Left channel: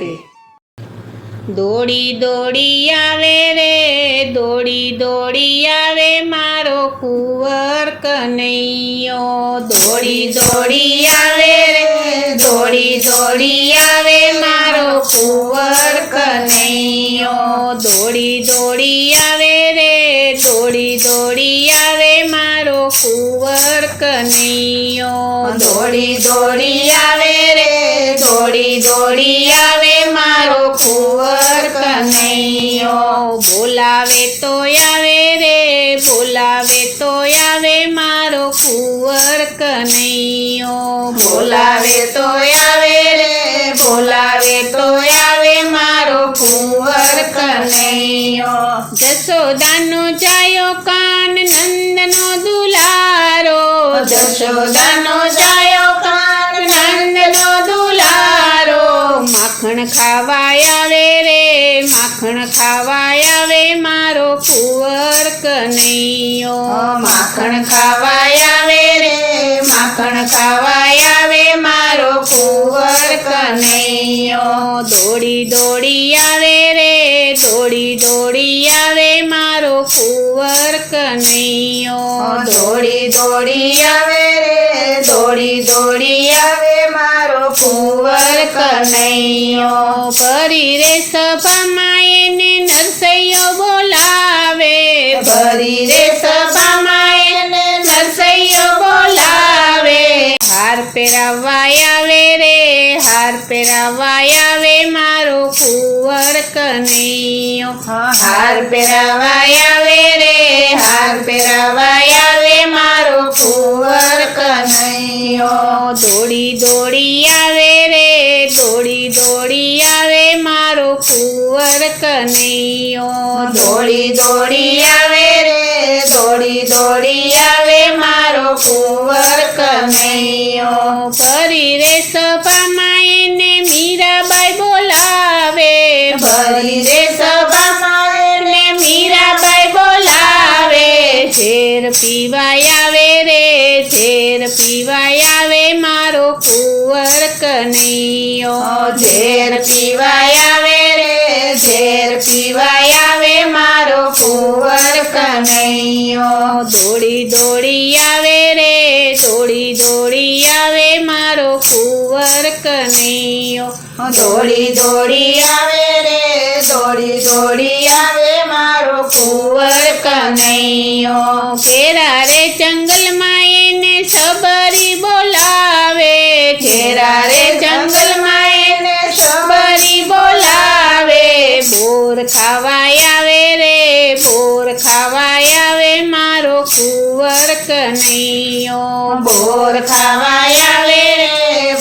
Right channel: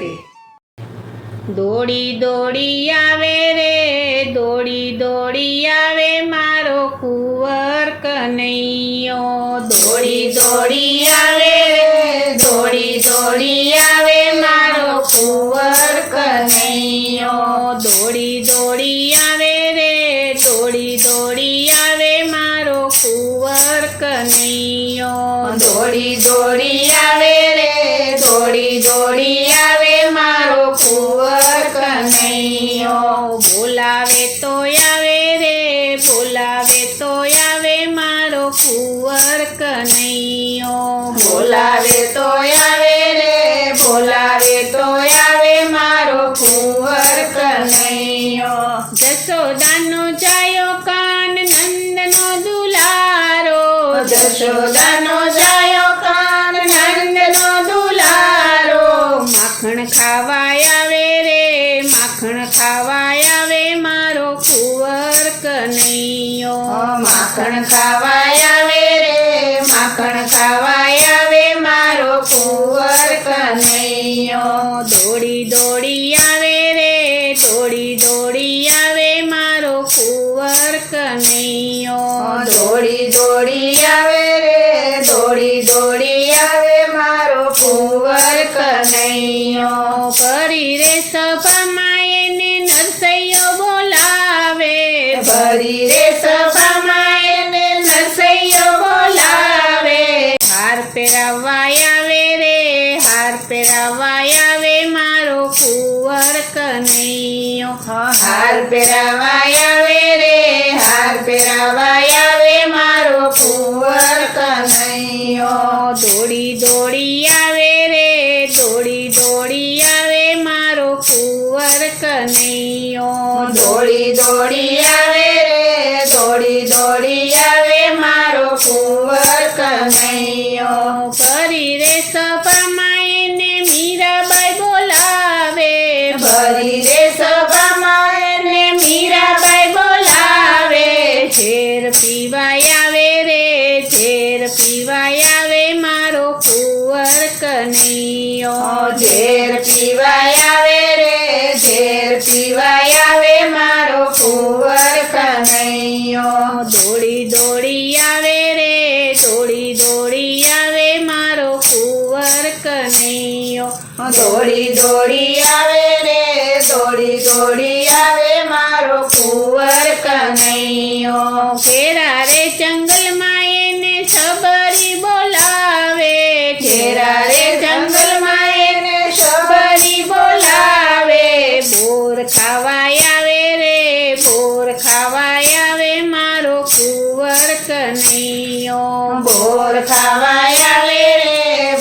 રાધે. દોડી દોડી આવે રે, દોડી દોડી આવે મારો કુંવર કનૈયો. દોડી દોડી આવે રે, દોડી દોડી આવે મારો કુંવર કનૈયો. દોડી દોડી આવે રે, દોડી દોડી આવે મારો કુંવર કનૈયો. દોડી દોડી આવે રે, દોડી દોડી આવે મારો કુંવર કનૈયો. બોલાવે તો આવે રે, બોલાવે તો આવે મારો કુંવર કનૈયો. બોલાવે તો આવે રે, બોલાવે તો આવે મારો કુંવર કનૈયો. જશોદાનો જાયો કાન નંદનો દુલારો, જશોદાનો જાયો કાન નંદનો દુલારો. માખણ ખાવા આવે રે, માખણ ખાવા આવે મારો કુંવર કનૈયો. માખણ ખાવા આવે રે, માખણ ખાવા આવે મારો કુંવર કનૈયો. દોડી દોડી આવે રે, દોડી દોડી આવે મારો કુંવર કનૈયો. દોડી દોડી આવે રે, દોડી દોડી આવે મારો કુંવર કનૈયો. પરી રે સભામાં એને નરસૈયો બોલાવે, પરી રે સભામાં એને નરસૈયો બોલાવે. હાર પહેરાવા આવે રે, હાર પહેરાવા આવે મારો કુંવર કનૈયો. હાર પહેરાવા આવે રે, હાર પહેરાવા આવે મારો કુંવર કનૈયો. દોડી દોડી આવે રે, દોડી દોડી આવે મારો કુંવર કનૈયો. દોડી દોડી આવે રે, દોડી દોડી આવે મારો કુંવર કનૈયો. ફરી રે સભામાં એને મીરાબાઈ બોલાવે, ફરી રે સભામાં એને મીરાબાઈ બોલાવે. ઝેર પીવાય આવે રે, ઝેર પીવાય આવે મારો કુંવર કનૈયો. ઝેર પીવાય આવે રે, ઝેર પીવાય આવે મારો કુંવર કનૈયો. દોડી દોડી આવે રે, દોડી દોડી આવે મારો કુંવર કનૈયો. દોડી દોડી આવે રે, દોડી દોડી આવે મારો કુંવર કનૈયો. ફેરા રે જંગલમાં એને સબરી બોલાવે, ફેરા રે જંગલમાં એને સબરી બોલાવે. બોર ખાવાય આવે રે, બોર ખાવાય આવે મારો કુંવર કનૈયો. બોર ખાવાય આવે રે,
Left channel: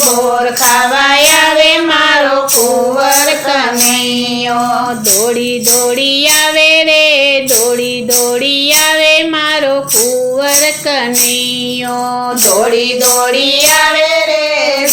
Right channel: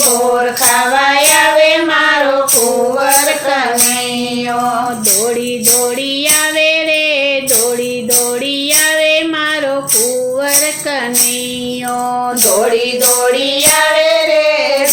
બોર ખાવાય આવે મારો કુંવર કનૈયો. દોડી દોડી આવે રે, દોડી દોડી આવે મારો કુંવર કનૈયો. દોડી દોડી આવે રે,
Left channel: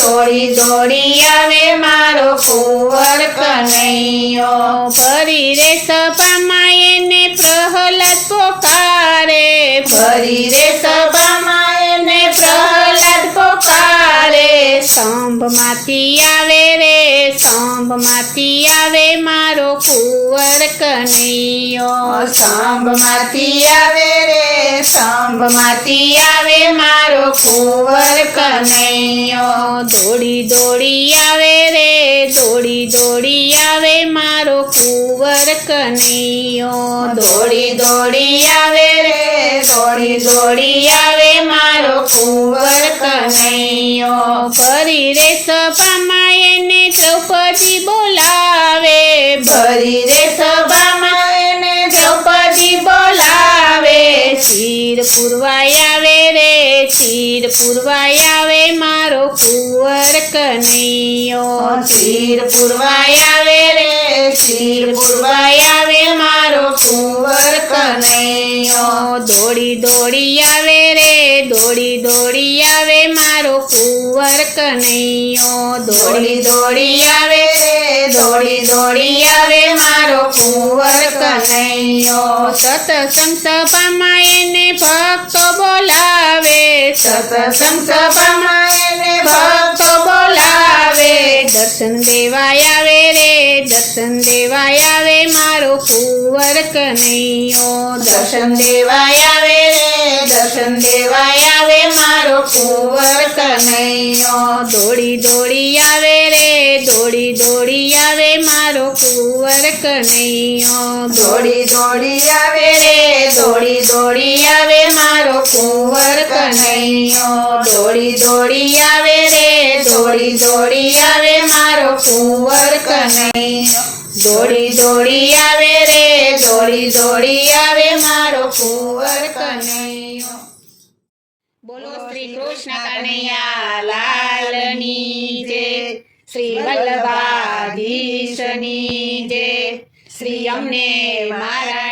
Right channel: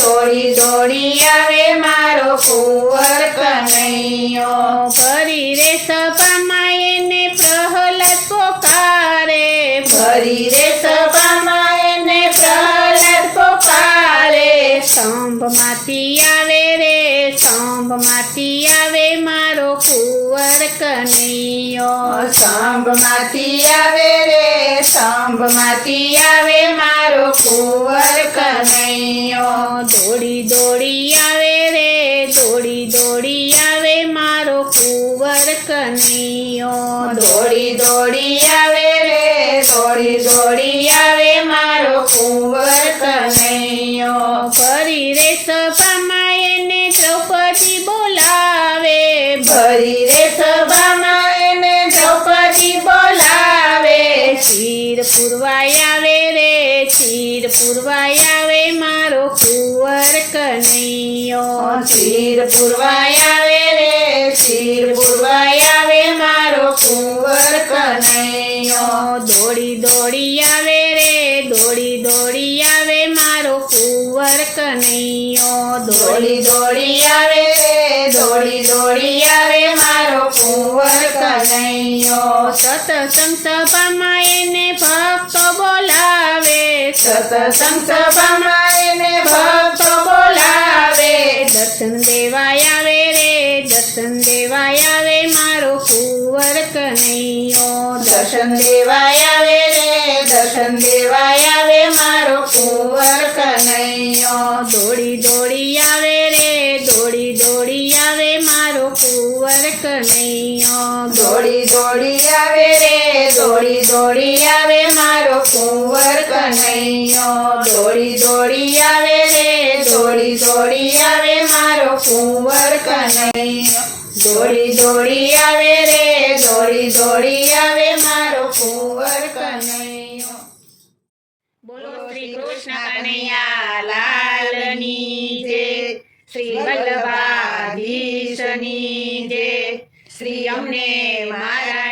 દોડી દોડી આવે મારો કુંવર કનૈયો. ફરી રે સભામાં એને પ્રહલાદ પોકારે, ફરી રે સભામાં એને પ્રહલાદ પોકારે. સ્તંભમાંથી આવે રે, સ્તંભમાંથી આવે મારો કુંવર કનૈયો. સ્તંભમાંથી આવે રે, સ્તંભમાંથી આવે મારો કુંવર કનૈયો. દોડી દોડી આવે રે, દોડી દોડી આવે મારો કુંવર કનૈયો. દોડી દોડી આવે રે, દોડી દોડી આવે મારો કુંવર કનૈયો. ફરી રે સભામાં એને દ્રૌપદી બોલાવે, ફરી રે સભામાં એને દ્રૌપદી બોલાવે. શિર પુરવાય આવે રે, શિર પુરવાય આવે મારો કુંવર કનૈયો. શિર પુરવાય આવે રે, શિર પુરવાય આવે મારો કુંવર કનૈયો. દોડી દોડી આવે રે, દોડી દોડી આવે મારો કુંવર કનૈયો. દોડી દોડી આવે રે, દોડી દોડી આવે મારો કુંવર કનૈયો. સતસંગ સભામાં એને ભક્તો બોલાવે, સતસંગ સભામાં એને ભક્તો બોલાવે. દર્શન દેવાય આવે રે, દર્શન દેવાય આવે મારો કુંવર કનૈયો દર્શન દેવાય આવે રે દર્શન દેવાય આવે મારો કુંવર કનૈયો દોડી દોડી આવે રે દોડી દોડી આવે મારો કુંવર કનૈયો દોડી દોડી આવે રે દોડી દોડી આવે મારો કુંવર કનૈયો દોડી દોડી આવે રે દોડી દોડી આવે મારો કુંવર કનૈયો દોડી દોડી આવે રે દોડી દોડી આવે મારો કુંવર કનૈયો બોલો શ્રી કૃષ્ણ કનૈયા લાલની જય શ્રી વલ્લભાધીશની જય શ્રી અમને મહારાજ